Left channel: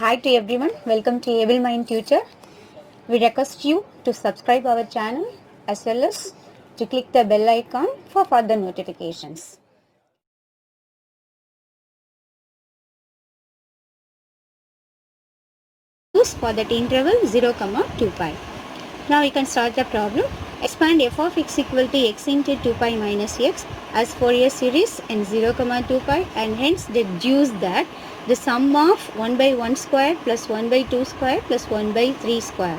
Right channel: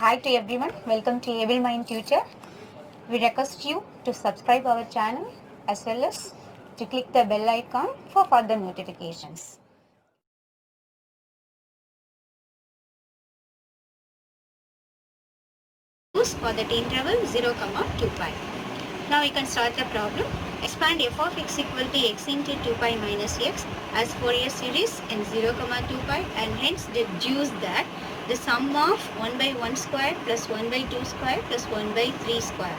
Hi to everyone, welcome to Able Mind Tutor. We request you to subscribe our channel as well as to click the bell icon for further notifications. For that interval 0, 2 pi. Now we can start the problem. Expand f of x equal to x into 2 pi minus x as Fourier series in 0, 2 pi, and hence deduce that the sum of 1 by 1 square plus 1 by 2 square plus 1 by 3 square.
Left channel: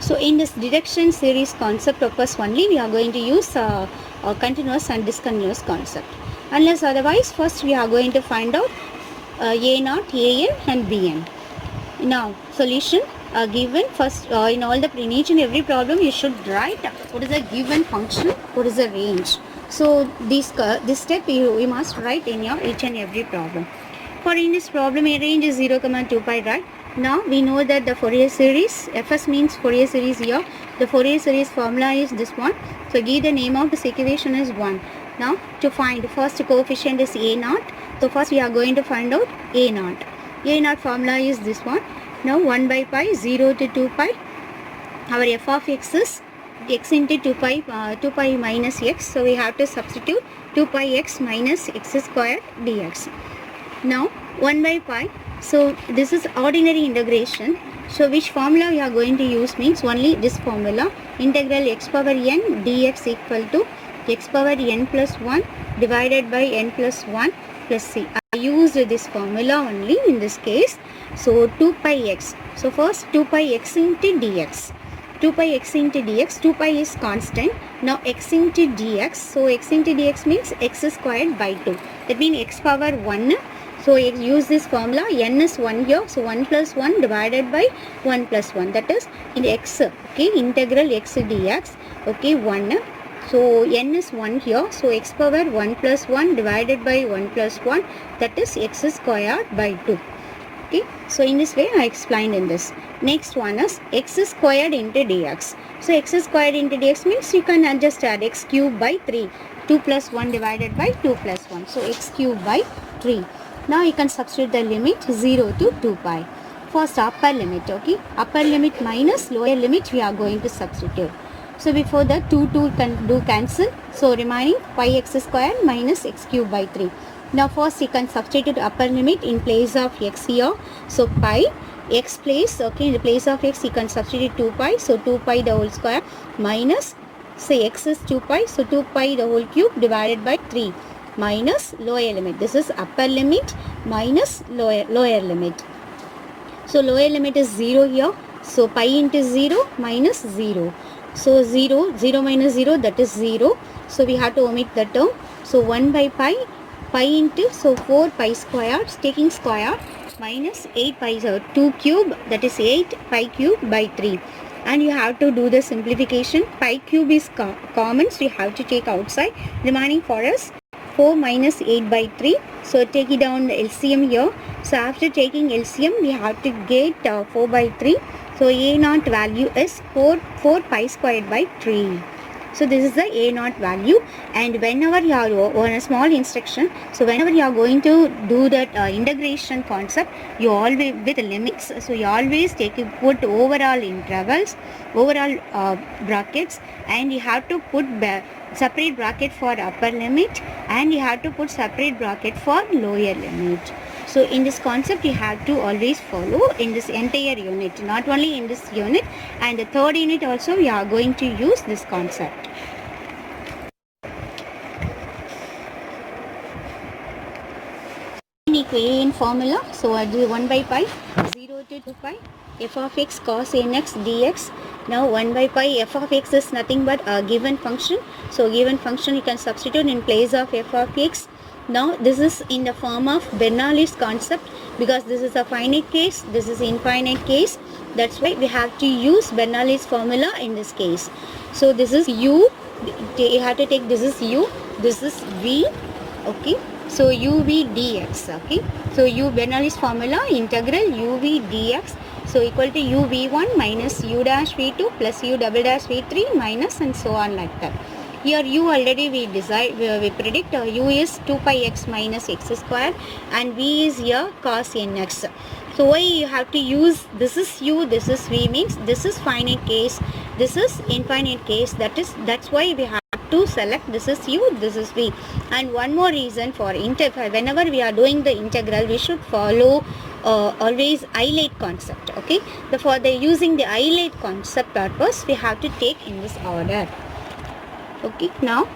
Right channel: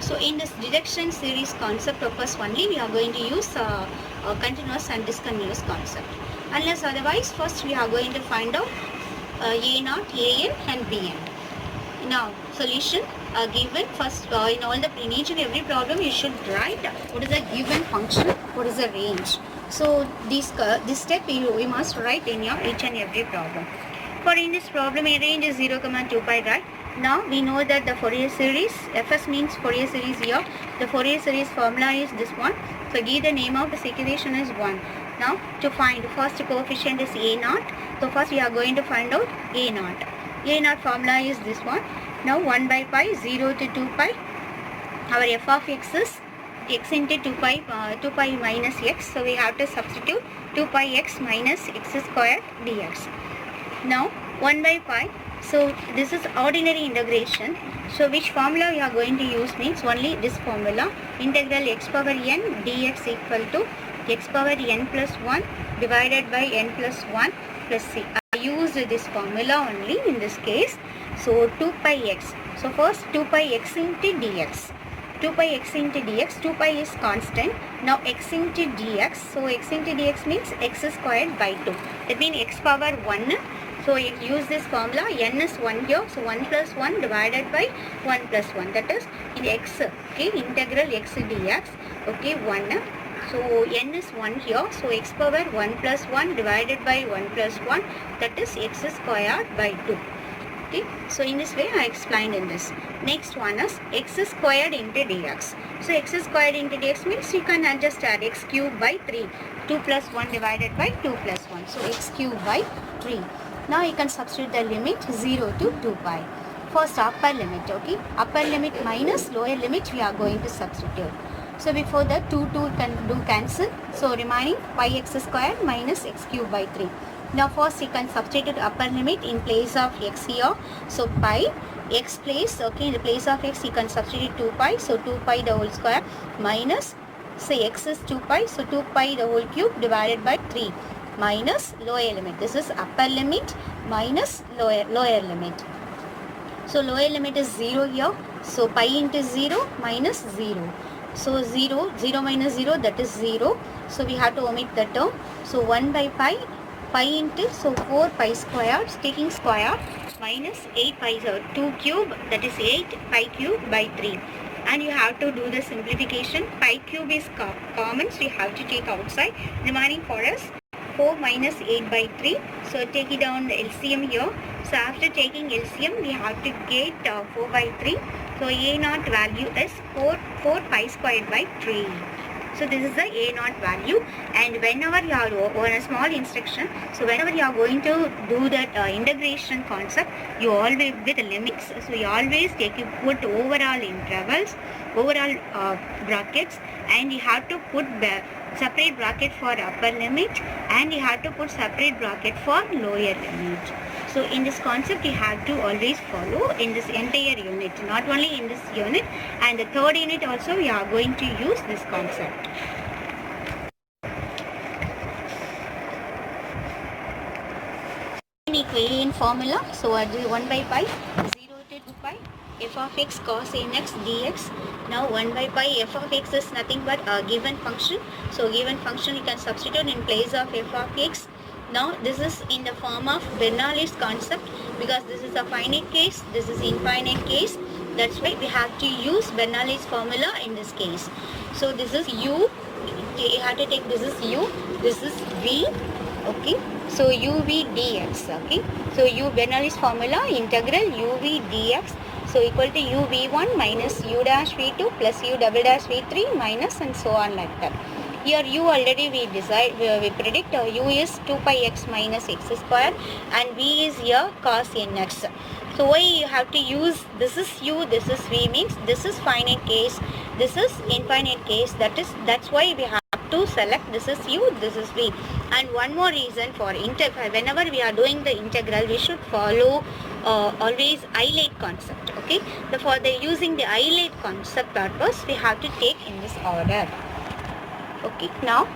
So in this deduction series concept occurs only, we are going to use a continuous and discontinuous concept. Unless otherwise, first we are going to find out a0, an and bn. Now solution given first in each and every problem you should write what is a given function, what is the range. So this step we must write in your each and every problem. For in this problem a range is 0, 2 pi, right? Now we know that the Fourier series, Fs means Fourier series here. The Fourier series formula is this one. So give the name of this equation is 1. Now to find first coefficient is a0. So first we are going to find out a0. A0 formula is this one. Now 1 by pi 0 to 2 pi. Our f of x is x into 2 pi minus x. So we have to substitute 2 pi x minus x square dx. Now 1 by pi. So this is ordinary integration. So which formula we are going to use means only this formula. Integral x power n dx equal to x power n plus 1 divided by n plus 1 plus c. I used this formula only in this case. So 2 pi x. So first 2 pi x into dx. 2 pi x into dx. 2 pi is constant. Now x into dx. So x into dx means x squared by 2. That means x power 1. So use this formula. N is 1 here. So 1 plus 1 divided by 1 plus 1. That is in x. Okay. Integral x dx. Okay. 1. So n is 1 here. So x power 1 plus 1 divided by 1 plus 1. That is x squared by 2. Okay. So in this way I explained in this. Next one is x squared into dx. So x squared into dx means you can just add x cube by 3. 2 plus 1 divided by 2 plus 1. So x cube by 3. Now you can substitute the limit 0 to 2 pi. First upper limit, okay. Upper limit minus lower limit we are going to substitute. So before that 2 can do cancel. So remaining pi x square minus x cube by 3. Now first you can substitute upper limit in place of x here. So pi x place, okay, in the place of x you can substitute 2 pi. So 2 pi the whole square minus, say x is 2 pi. So 2 pi the whole cube divided by 3 minus lower limit. This is upper limit minus lower limit. So lower limit is 0 here. So pi into 0 minus 0. So 0 minus 0, that is 0. So we have to omit the term. So 1 by pi into, so 4 pi squared, taking square, minus 8 pi, so 2 cube, that is 8 pi cube by 3. And you have to do the simplification. Pi cube is common, so you have to take outside. Remaining for us 4 minus 8 by 3. So take it down the LCM here. So after taking LCM, we have to get 4 by 3. So A0 value is 4 pi squared by 3. So this is the A0 value, and whenever you are on a small instruction, so whenever you are going to do that integration concept, you always with limits, so you always put overall intervals, overall brackets, and you have to put separate bracket for upper limit, and you have to put separate bracket for lower limit. So in this concept you have to always follow in this entire unit, not only in this unit, and the third unit also we are going to use this concept. In formula, so I do 1 by pi 0 to 2 pi f of x cos nx dx. Now 1 by pi f of x is nothing but a given function. So given function you can substitute in place of f of x. Now this is in the form of Bernoulli's concept, because this is a finite case, this is infinite case. That's why we have to use Bernoulli's formula in this case. So this is u, you have to take, this is u, this is v, okay. So uv dx, okay. So Bernoulli's formula, integral uv dx, so equal to uv1 minus u dash v2 plus u double dash v3 minus, and so on like that. Here u already we predict u is 2 pi x minus x square, and v is here cos nx. So why you have to use this is u, this is v, means this is finite case, this is infinite case. That's why we have to select this is u, this is v. And one more reason for integral, whenever we are doing the integral, we should follow always isolate concept. Okay, for the using the isolate concept purpose, we have to take in this order. Okay, now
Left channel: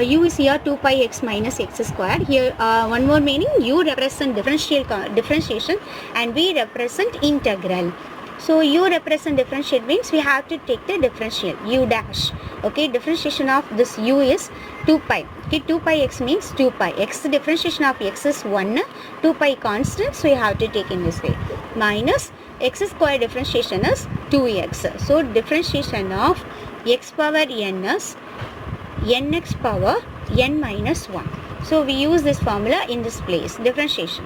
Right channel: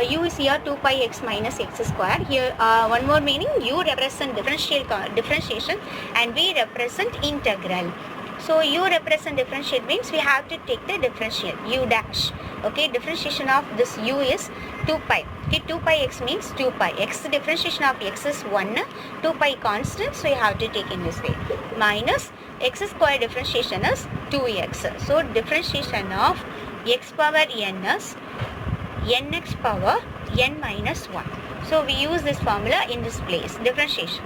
u is here 2 pi x minus x square. Here one more meaning, u represent differentiation and v represent integral. So u represent differentiate means we have to take the differential u dash. Okay, differentiation of this u is 2 pi. Okay, 2 pi x means 2 pi. X differentiation of x is 1. 2 pi constant, so you have to take in this way. Minus x square differentiation is 2x. So differentiation of x power n is nx power n minus 1. So we use this formula in this place, differentiation.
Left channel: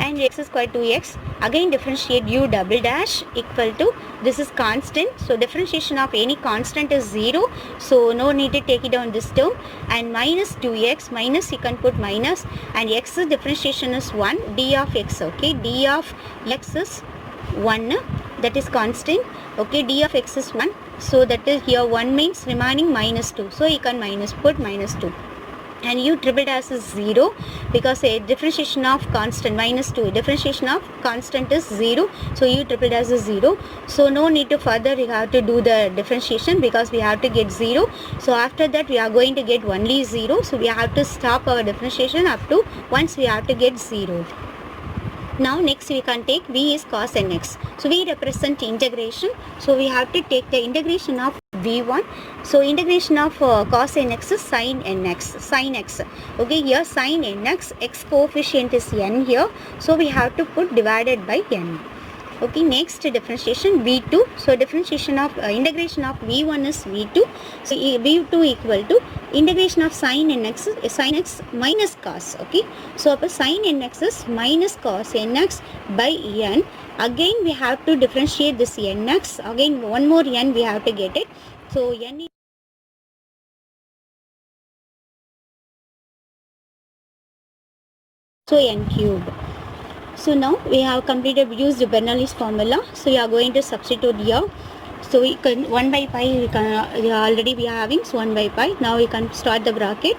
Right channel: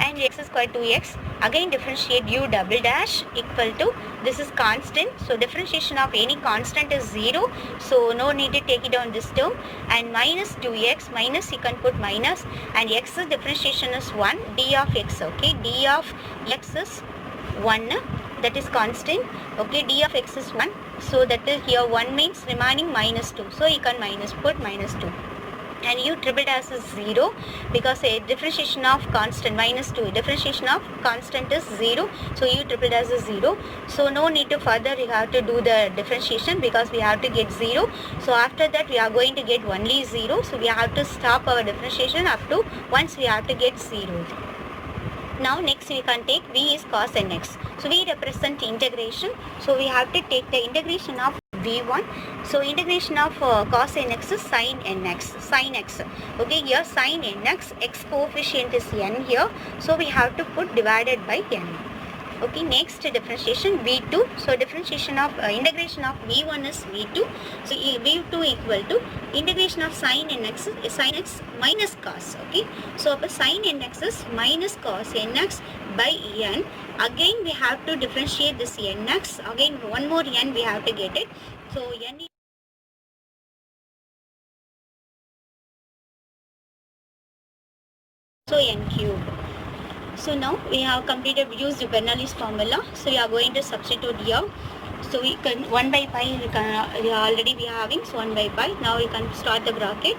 And x square 2x, again differentiate u double dash equal to, this is constant, so differentiation of any constant is 0, so no need to take it on this term. And minus 2x, minus you can put minus, and x's differentiation is 1, d of x. Okay, d of x is 1, that is constant. Okay, d of x is 1, so that is here 1 means remaining minus 2, so you can put minus 2. And u triple dash is 0 because a differentiation of constant minus 2, differentiation of constant is 0, so u triple dash is 0. So no need to further we have to do the differentiation because we have to get 0. So after that we are going to get only 0, so we have to stop our differentiation up to once we have to get 0. Now next we can take v is cos nx. So v represent integration. So we have to take the integration of v1. So integration of cos nx is sin nx. Sin x. Okay, here sin nx, x coefficient is n here. So we have to put divided by n. Okay, next differentiation v2. So differentiation of integration of v1 is v2. So v2 equal to integration of sin nx is sin x minus cos. Okay, so sin nx is minus cos nx by n. Again we have to differentiate this nx. Again one more n we have to get it. So n is so n cube. So now we have completed, used Bernoulli's formula. So we are going to substitute here. So we can 1 by pi, already we are having, so 1 by pi. Now we can start the bracket.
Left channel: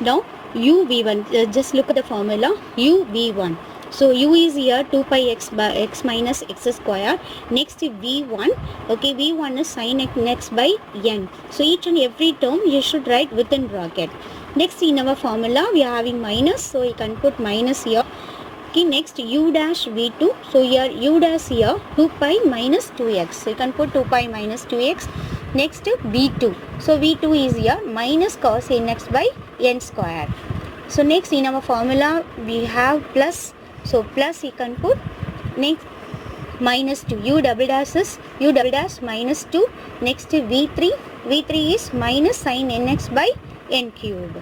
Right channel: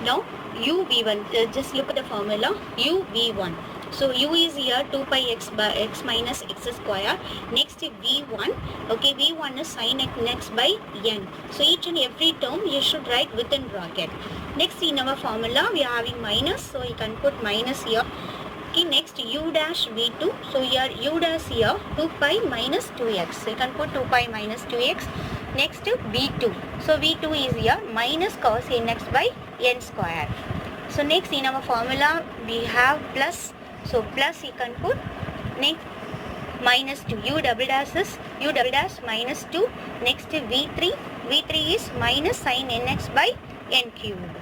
Now u v1, just look at the formula, u v1. So u is here 2 pi x by x minus x square. Next v1, okay, v1 is sin x by n. So each and every term you should write within bracket. Next in our formula we are having minus, so you can put minus here. Okay, next u dash v2, so here u dash here 2 pi minus 2x, so you can put 2 pi minus 2x. Next v2, so v2 is here minus cos nx by n square. So next in our formula we have plus, so plus you can put, next minus 2, u double dash is u double dash minus 2. Next v3 is minus sin nx by n cube.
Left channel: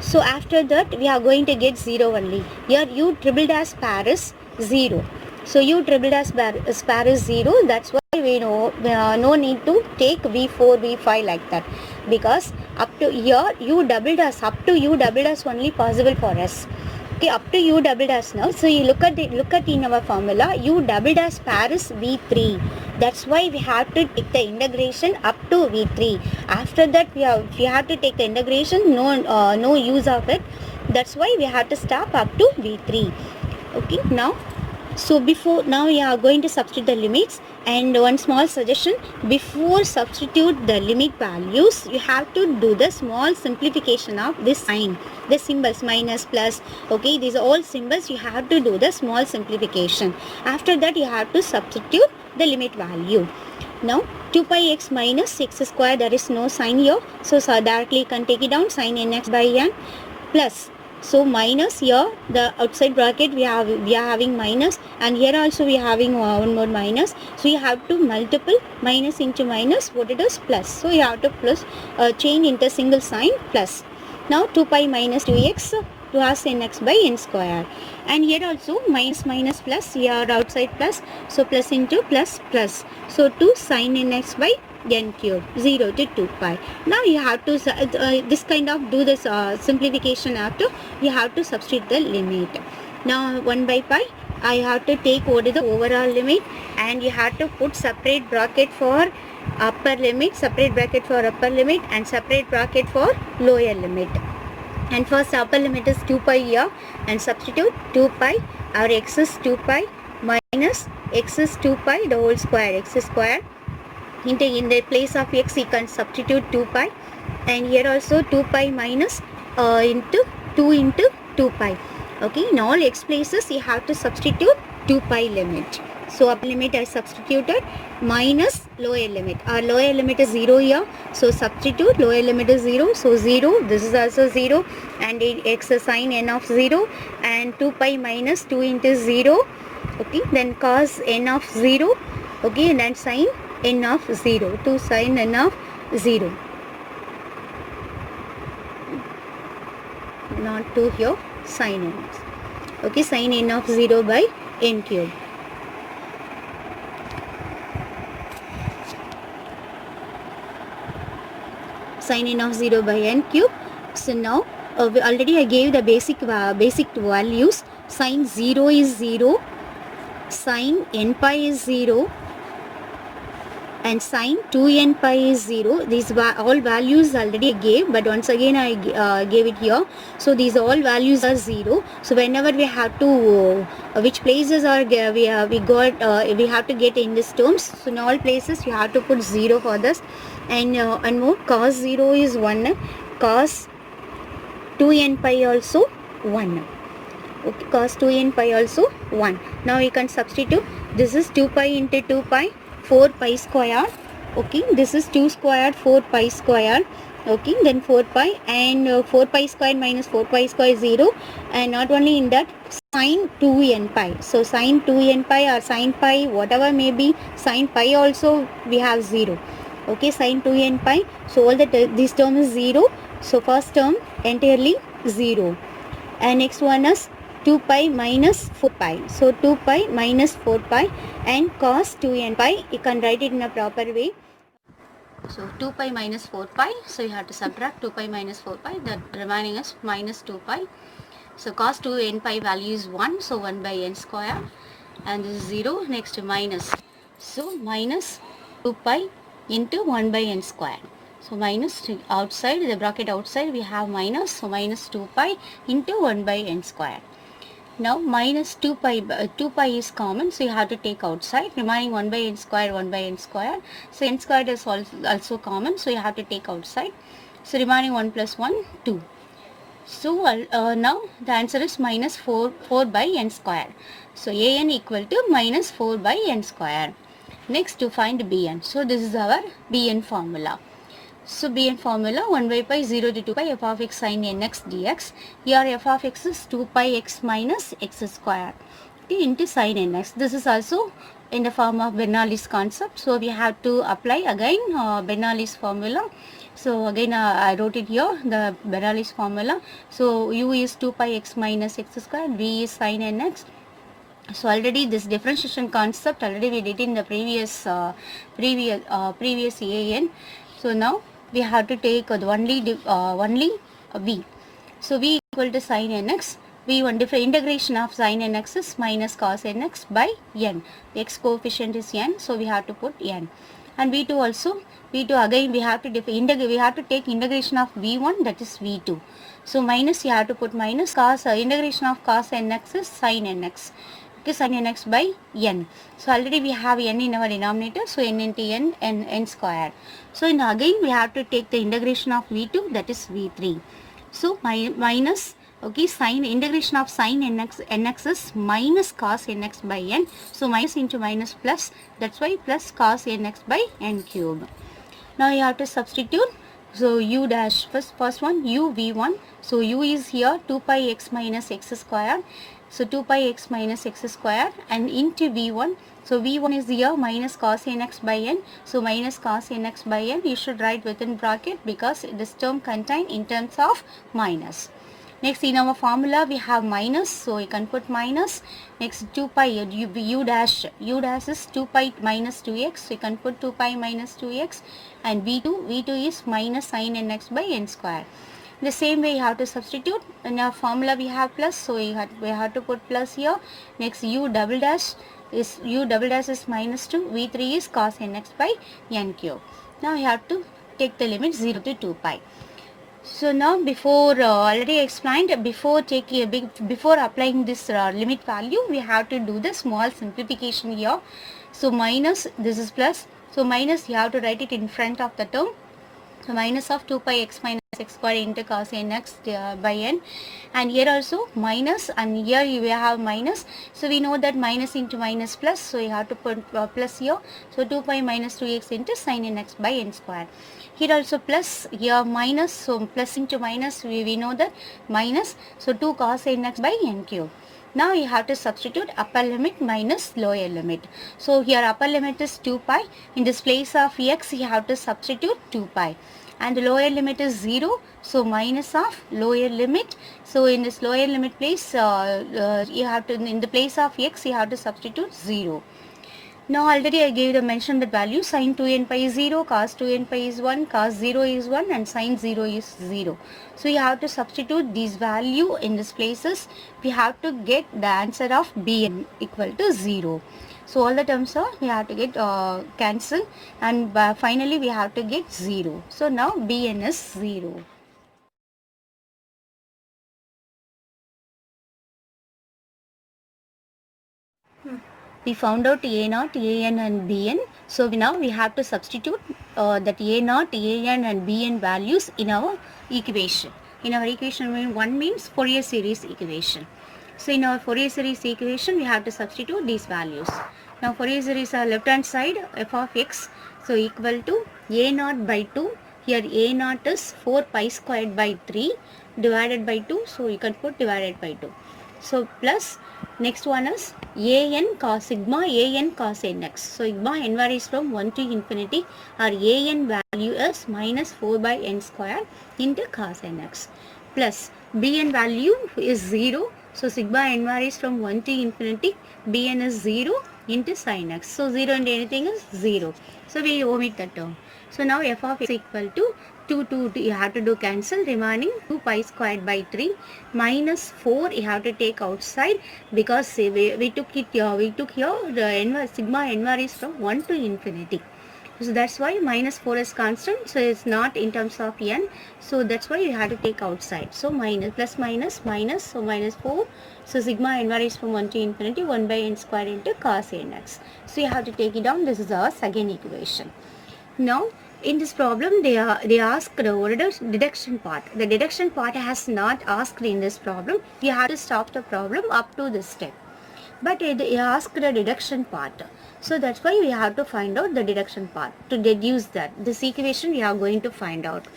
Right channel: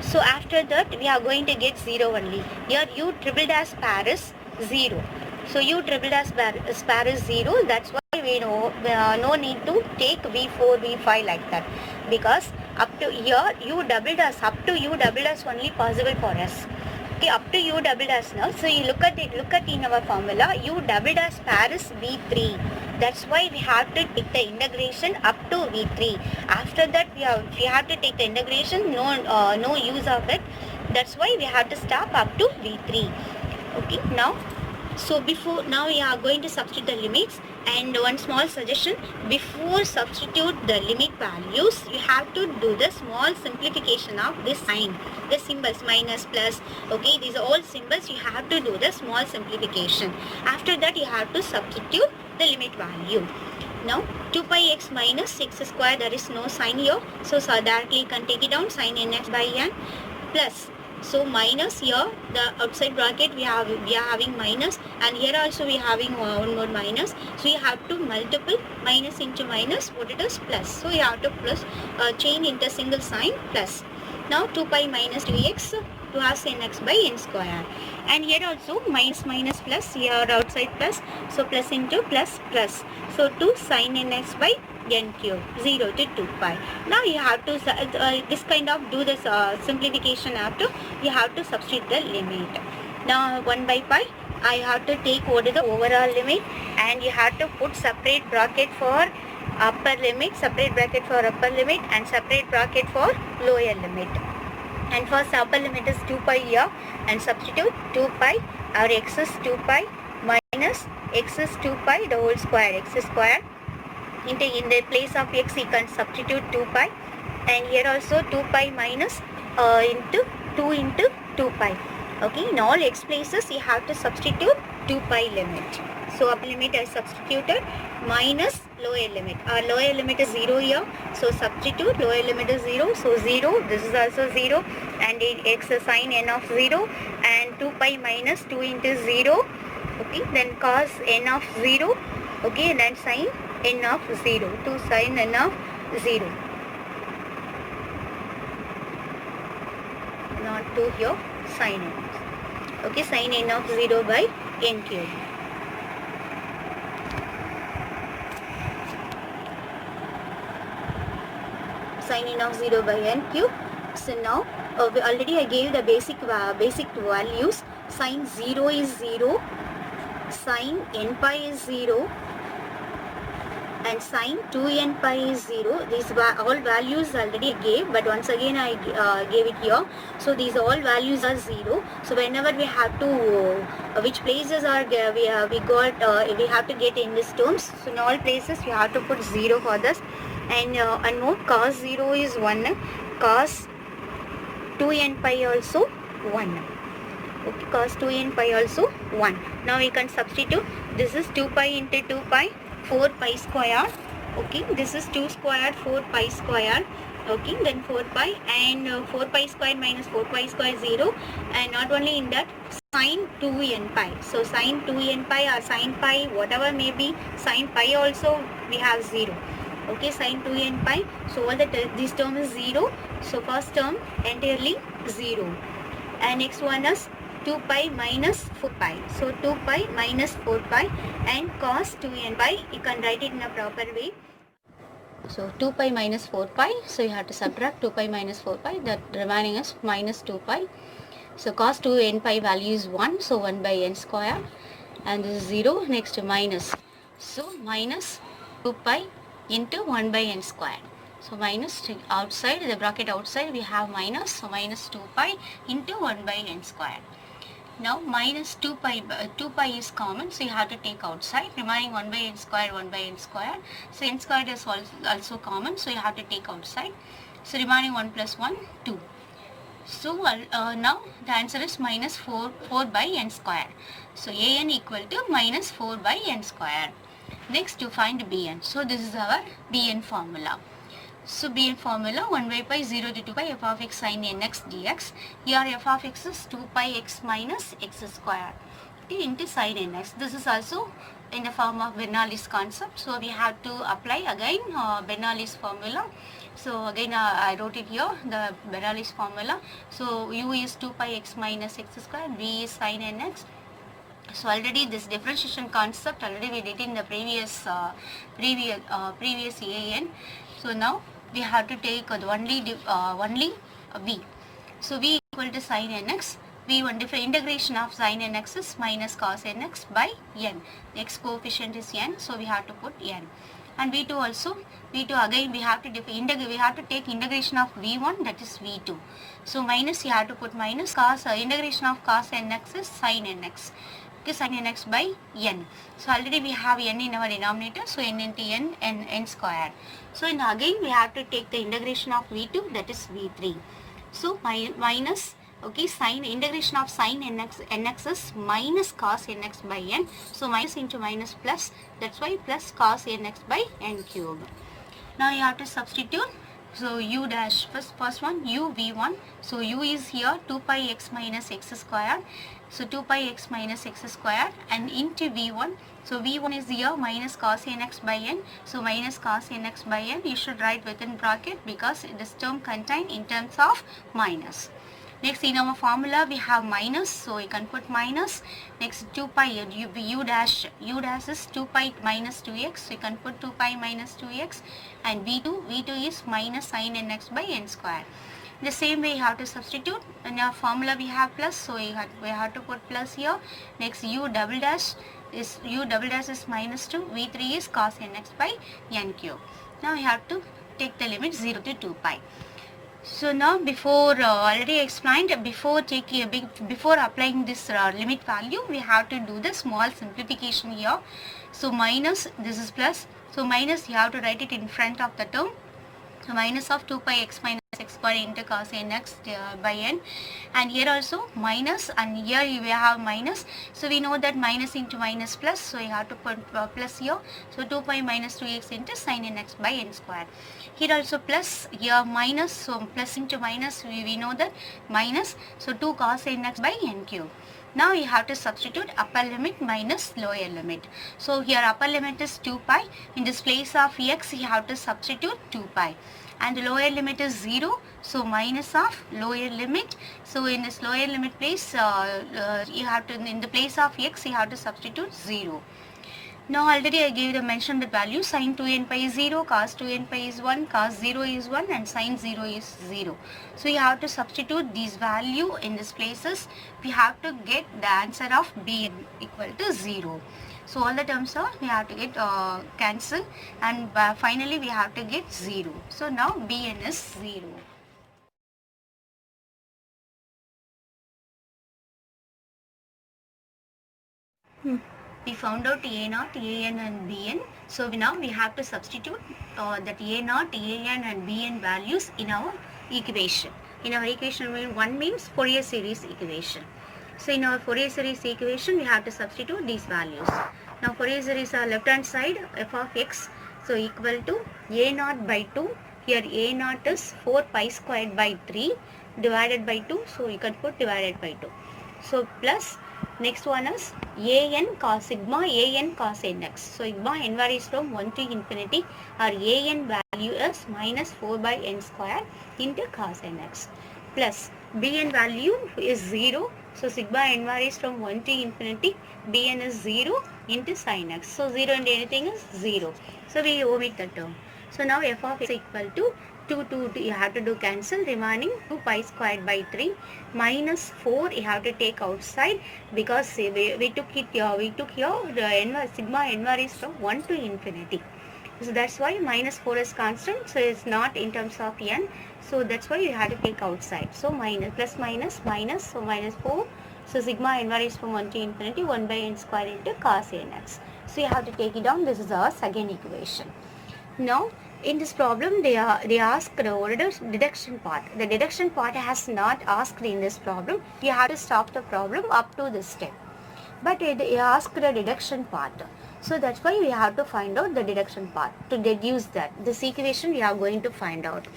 So after that we are going to get 0 only. Here u triple dash pair is 0. So u triple dash pair is 0. That's why we know no need to take v4, v5 like that. Because up to here u double dash, up to u double dash only possible for us. Okay, up to u double dash now. So you look at in our formula, u double dash pair is v3. That's why we have to take the integration up to v3. After that we have to take the integration, no use of it. That's why we have to stop up to v3. Okay, now so now we are going to substitute the limits. And one small suggestion, before substitute the limit values, you have to do the small simplification of this sign, the symbols minus, plus. Okay, these are all symbols, you have to do the small simplification. After that you have to substitute the limit value. Now 2 pi x minus x square, there is no sign here, so directly you can take it down, sin nx by n, plus. So minus here, the outside bracket we are having minus, and here also we are having one more minus. So you have to multiple minus into minus, what it is, plus. So you have to plus change into single sign, plus. Now 2 pi minus 2x to us nx by n square. And here also minus plus, here outside plus, so plus into plus plus. So 2 sin nx by n cube, 0 to 2 pi. Now you have to this kind of do this simplification after, you have to substitute the limit. Now 1 by pi, I have to take what is the overall limit, and you have to put separate bracket for upper limit, separate bracket for upper limit, and separate bracket for lower limit. And first upper limit is 2 pi here, and substitute 2 pi. Our x is 2 pi minus x is 2 pi the whole square, x square. In the place of x you can substitute 2 pi, and here also 2 pi minus into 2 into 2 pi. Okay, in all x places you have to substitute 2 pi limit. So upper limit I substituted minus lower limit. Our lower limit is 0 here, so substitute lower limit is 0, so 0, this is also 0, and x is sine n of 0, and 2 pi minus 2 into 0, okay, then cos n of 0, okay, and then sine n of 0, to sine n of 0, not 2 here, sine n, okay, sine n of 0 by n cube. Sine n of 0 by n cube. So now already I gave the basic values. Sine 0 is 0, sine n pi is 0, and sine 2n pi is 0. These all values already I gave, but once again I gave it here. So these all values are 0. So whenever we have to which places are we have to get in these terms. So in all places you have to put 0 for this. And more, cos 0 is 1, cos 2n pi also 1. Okay, cos 2n pi also 1. Now we can substitute. This is 2 pi into 2 pi, 4 pi square. Okay, this is 2 square, 4 pi square. Okay, then 4 pi, and 4 pi square minus 4 pi square is 0. And not only in that, sine 2n pi. So sine 2n pi or sine pi, whatever may be, sine pi also we have 0. Okay, sine 2n pi. So all this term is 0. So first term entirely 0. And next one is 2 pi minus 4 pi. So 2 pi minus 4 pi, and cos 2n pi, you can write it in a proper way. So 2 pi minus 4 pi, so you have to subtract 2 pi minus 4 pi, that remaining is minus 2 pi. So cos 2n pi value is 1, so 1 by n square, and this is 0. Next minus, so minus 2 pi into 1 by n square. So minus outside, the bracket outside we have minus, so minus 2 pi into 1 by n square. Now minus 2 pi is common, so you have to take outside. Remaining 1 by n square, 1 by n square. So n squared is also common, so you have to take outside. So remaining 1 plus 1, 2. So now the answer is minus 4 by n square. So an equal to minus 4 by n square. Next to find bn. So this is our bn formula. So bn formula, 1 by pi 0 to 2 pi f of x sin nx dx. Here f of x is 2 pi x minus x square, okay, into sin nx. This is also in the form of Bernoulli's concept. So we have to apply again Bernoulli's formula. So again I wrote it here, the Bernoulli's formula. So u is 2 pi x minus x square, v is sin nx. So already this differentiation concept already we did in the previous AN. So now we have to take only v. So v equal to sin nx. V1 integration of sin nx is minus cos nx by n. The x coefficient is n, so we have to put n. And v2 also, v2 again we have to take integration of v1, that is v2. So minus you have to put minus cos integration of cos nx is sin nx. Okay, sin nx by n. So already we have n in our denominator, so n into n square. So again we have to take the integration of v2, that is v3. So minus, okay, sin integration of sin nx is minus cos nx by n. So minus into minus plus, that's why plus cos nx by n cube. Now you have to substitute. So u dash, first one u v1. So u is here 2 pi x minus x square. So 2 pi x minus x square, and into v1. So v1 is here minus cos nx by n. So minus cos nx by n you should write within bracket, because this term contained in terms of minus. Next in our formula we have minus, so you can put minus. Next 2 pi u dash is 2 pi minus 2x, so you can put 2 pi minus 2x, and v2 is minus sin nx by n square. The same way you have to substitute. In our formula we have plus, so we have to put plus here. Next u double dash is minus 2. V3 is cos nx by n cube. Now you have to take the limit 0 to 2 pi. So now before already explained, before applying this limit value, we have to do the small simplification here. So minus, this is plus, so minus you have to write it in front of the term. So minus of 2 pi x minus x square into cos nx by n, and here also minus, and here you will have minus. So we know that minus into minus plus, so you have to put plus here. So 2 pi minus 2x into sin nx by n square. Here also plus, here minus, so plus into minus, we know that minus, so 2 cos nx by n cube. Now you have to substitute upper limit minus lower limit. So here upper limit is 2 pi. In this place of x, you have to substitute 2 pi. And the lower limit is 0. So minus of lower limit. So in this lower limit place, you have to, in the place of x, you have to substitute 0. Now already I gave the mention the value. Sin 2n pi is 0, cos 2n pi is 1, cos 0 is 1, and sin 0 is 0. So you have to substitute these value in these places. We have to get the answer of bn equal to 0. So all the terms are we have to get cancel, and finally we have to get 0. So now bn is 0. We found out A naught, An and Bn. So now we have to substitute that A naught, An and Bn values in our equation. In our equation, one means Fourier series equation. So in our Fourier series equation, we have to substitute these values. Now Fourier series are left hand side f of x, so equal to A naught by 2. Here A naught is 4 pi squared by 3 divided by 2. So you can put divided by 2. So plus, next one is an cos sigma an cos nx. So sigma n varies from 1 to infinity. Our an value is minus 4 by n square into cos nx. Plus bn value is 0. So sigma n varies from 1 to infinity. Bn is 0 into sin x. So 0 into anything is 0. So we omit the term. So now f of x equal to 2, you have to do cancel, remaining 2 pi squared by 3 minus 4 you have to take outside, because we took here the sigma n varies from 1 to infinity. So that's why minus 4 is constant, so it's not in terms of n, so that's why you have to take outside. So minus, plus minus, minus, so minus 4, so sigma n varies from 1 to infinity, 1 by n square into cos nx. So you have to take it down. This is our second equation. Now in this problem, they asked the deduction part. The deduction part has not asked in this problem. You have to stop the problem up to this step. But they asked the deduction part. So that's why we have to find out the deduction part. To deduce that, this equation we are going to find out.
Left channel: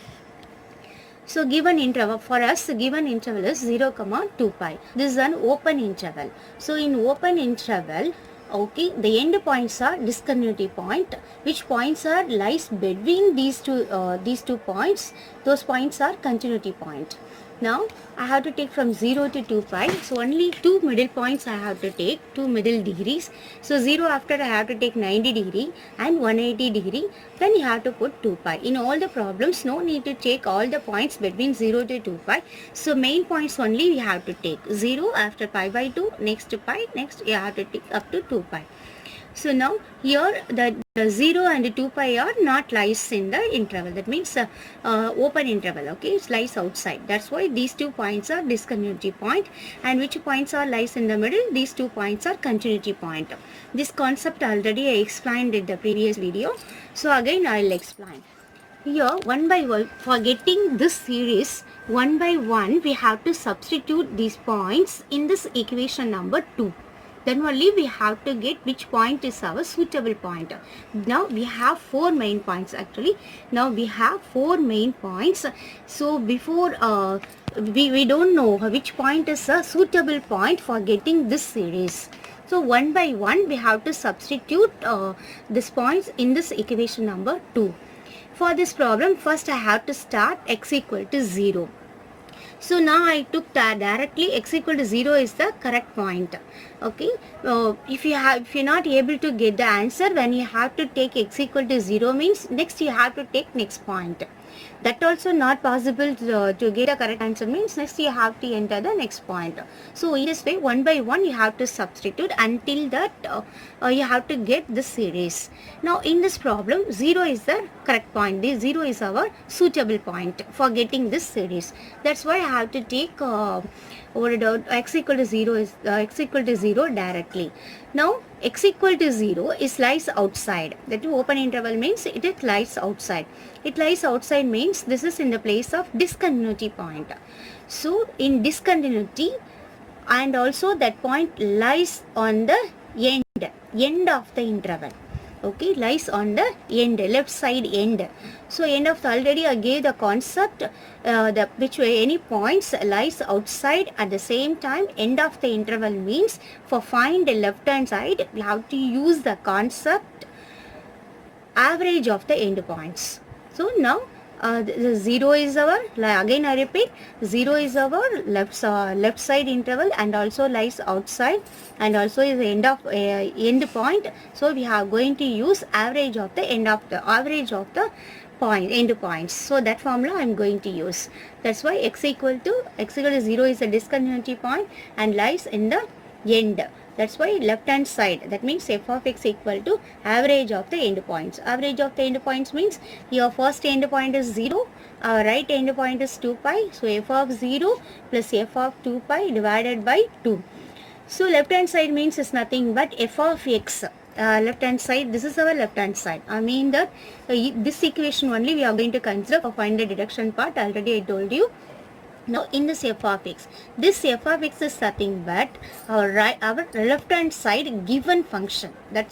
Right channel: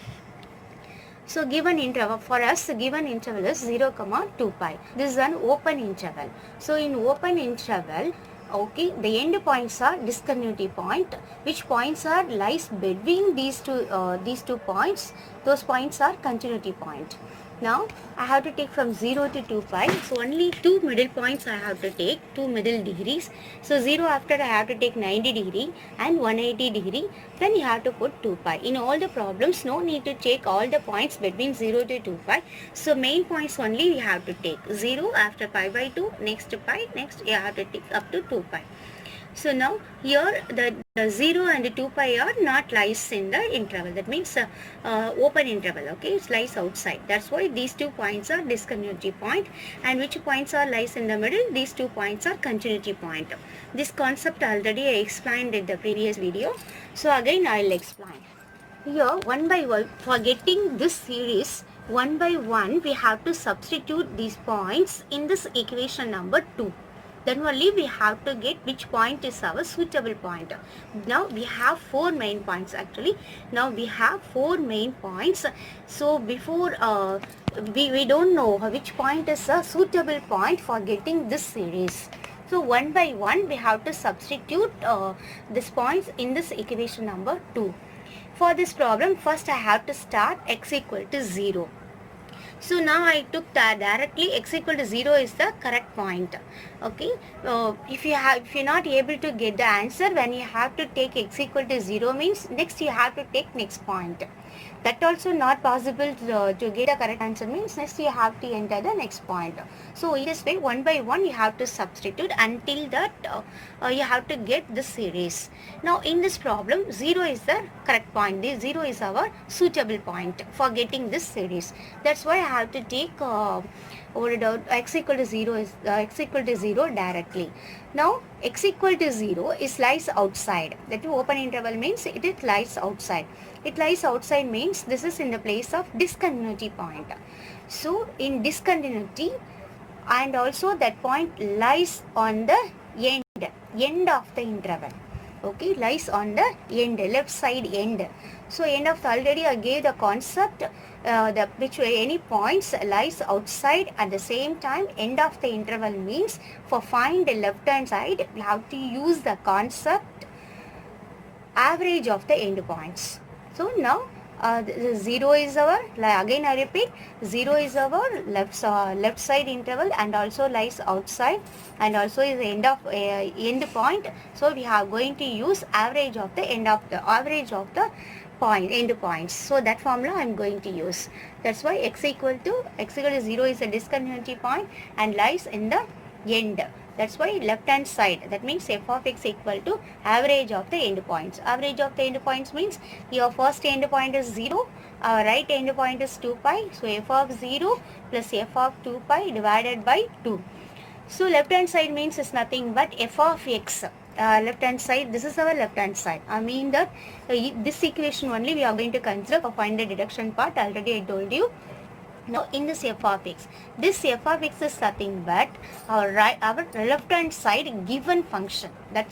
So given interval, for us given interval is 0, 2 pi. This is an open interval. So in open interval, okay, the end points are discontinuity point. Which points are lies between these two points? Those points are continuity point. Now I have to take from 0 to 2 pi. So only two middle points I have to take, two middle degrees. So 0 after I have to take 90 degree and 180 degree. Then you have to put 2 pi. In all the problems, no need to take all the points between 0 to 2 pi. So main points only we have to take. 0 after pi by 2, next to pi, next you have to take up to 2 pi. So now here the 0 and 2 pi are not lies in the interval. That means open interval. Okay, it lies outside. That's why these 2 points are discontinuity point. And which points are lies in the middle? These 2 points are continuity point. This concept already I explained in the previous video. So again I will explain. Here one by one, for getting this series, one by one we have to substitute these points in this equation number 2. Then only we have to get which point is our suitable point. Now we have 4 main points actually. Now we have 4 main points. So before we don't know which point is a suitable point for getting this series. So one by one we have to substitute these points in this equation number 2. For this problem, first I have to start x equal to 0. So now I took directly x equal to 0 is the correct point. Okay, if you're not able to get the answer when you have to take x equal to 0 means next you have to take next point. That also not possible to get a correct answer means next you have to enter the next point. So in this way, one by one you have to substitute until that you have to get this series. Now in this problem, 0 is the correct point. This 0 is our suitable point for getting this series. That's why I have to take x equal to 0 is x equal to 0 directly. Now x equal to 0 is lies outside. That open interval means it is lies outside. It lies outside means this is in the place of discontinuity point. So in discontinuity, and also that point lies on the end of the interval. Okay, lies on the end, left side end. So end of the, already I gave the concept which way any points lies outside at the same time end of the interval means for find the left hand side you have to use the concept average of the end points. So now the 0 is our, again I repeat, 0 is our left side interval and also lies outside and also is the end point. So we are going to use average of the end points. So that formula I am going to use. That's why x equal to 0 is a discontinuity point and lies in the end. That's why left hand side, that means f of x equal to average of the end points. Average of the end points means your first end point is 0, our right end point is 2 pi. So f of 0 plus f of 2 pi divided by 2. So left hand side means is nothing but f of x. Left hand side, this is our left hand side. I mean that this equation only we are going to consider for find the deduction part. Already I told you. Now in this f of x, this f of x is nothing but our left hand side given function. That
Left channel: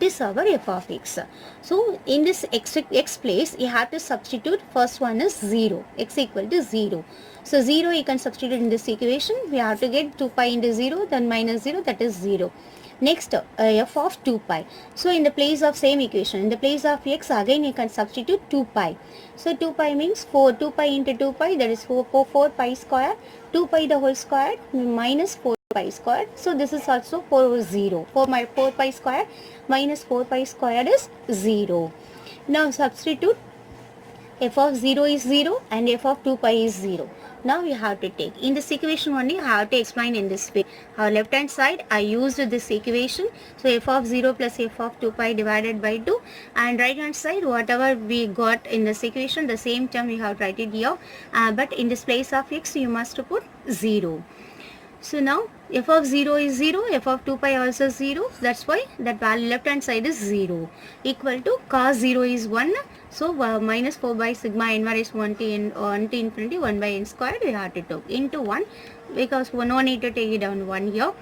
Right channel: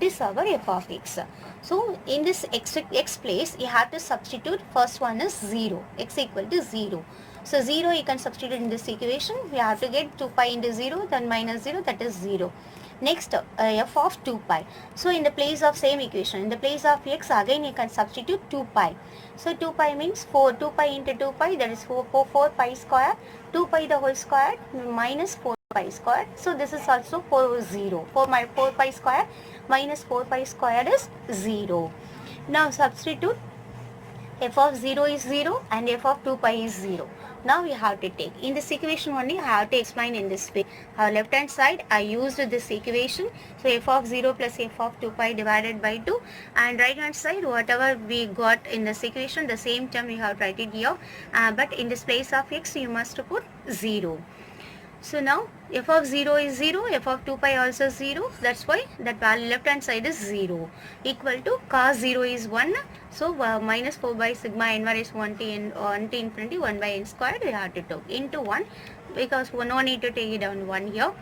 is our f of x. So in this x place you have to substitute. First one is 0, x equal to 0. So 0 you can substitute in this equation. We have to get 2 pi into 0, then minus 0, that is 0. Next f of 2 pi. So in the place of same equation, in the place of x again you can substitute 2 pi. So 2 pi means 4, 2 pi into 2 pi, that is 4 pi square, 2 pi the whole square minus 4 pi square. So this is also 4 pi square minus 4 pi square is 0. Now substitute, f of 0 is 0 and f of 2 pi is 0. Now we have to take, in this equation only I have to explain in this way. Our left hand side I used this equation. So f of 0 plus f of 2 pi divided by 2, and right hand side whatever we got in this equation, the same term we have written here, but in this place of x you must put 0. So now f of 0 is 0, f of 2 pi also 0, that's why that value left hand side is 0, equal to cos 0 is 1. So minus 4 by sigma n raised 1 to infinity 1 by n squared we have to take into 1, because no need to take it down 1 here.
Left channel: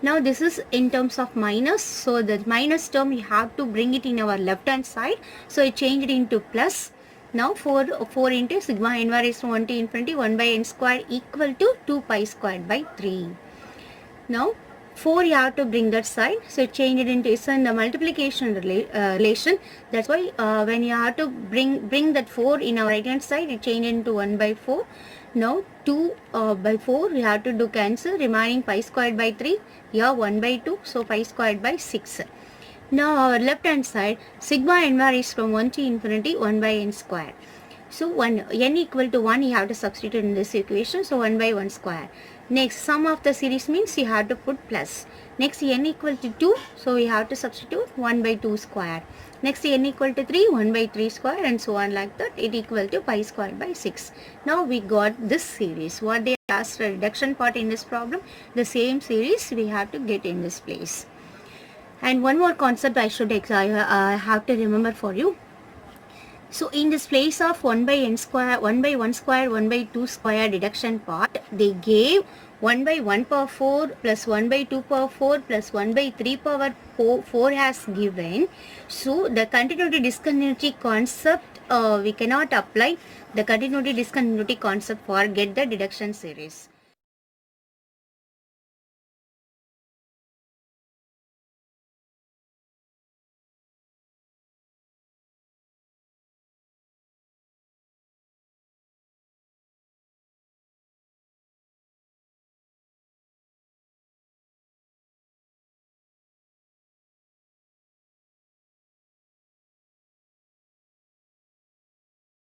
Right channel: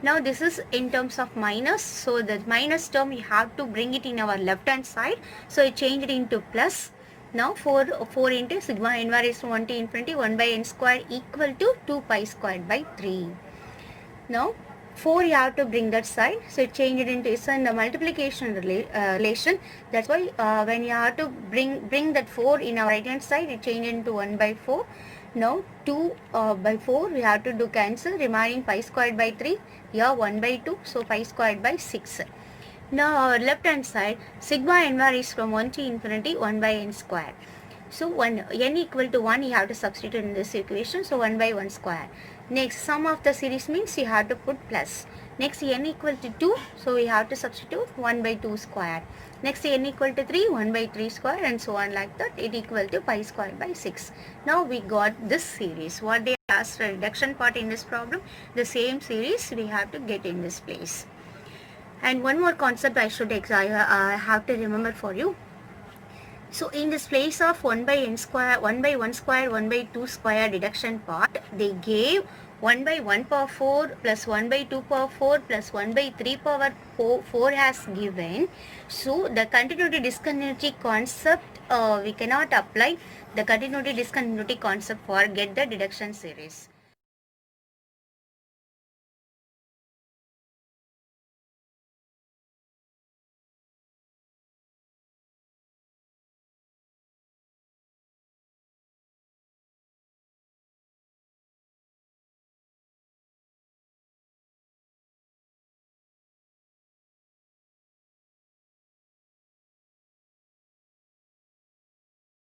Now this is in terms of minus, so the minus term we have to bring it in our left hand side, so I change it into plus. Now 4 into sigma n raised 1 to infinity 1 by n squared equal to 2 pi squared by 3. Now 4 you have to bring that side, so change it into, it's in the multiplication relation. That's why when you have to bring that 4 in our right hand side, you change it into 1 by 4. Now 2 by 4 we have to do cancel, remaining pi squared by 3, here 1 by 2, so pi squared by 6. Now our left hand side, sigma n varies from 1 to infinity 1 by n squared. So n equal to 1 you have to substitute in this equation, so 1 by 1 square. Next, sum of the series means you have to put plus. Next, n equal to 2, so we have to substitute 1 by 2 square. Next, n equal to 3, 1 by 3 square, and so on like that. It equal to pi square by 6. Now we got this series. What they asked the reduction part in this problem, the same series we have to get in this place. And one more concept I have to remember for you. So in this place of 1 by n square, 1 by 1 square, 1 by 2 square deduction part, they gave 1 by 1 power 4 plus 1 by 2 power 4 plus 1 by 3 power 4 has given. So the continuity discontinuity concept we cannot apply the continuity discontinuity concept for get the deduction series.